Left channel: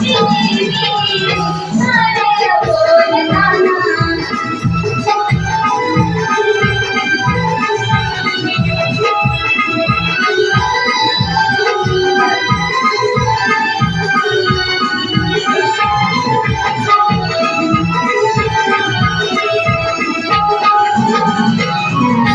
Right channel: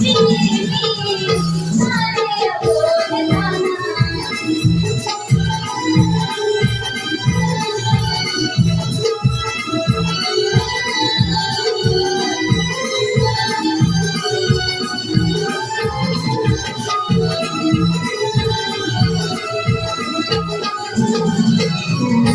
doing?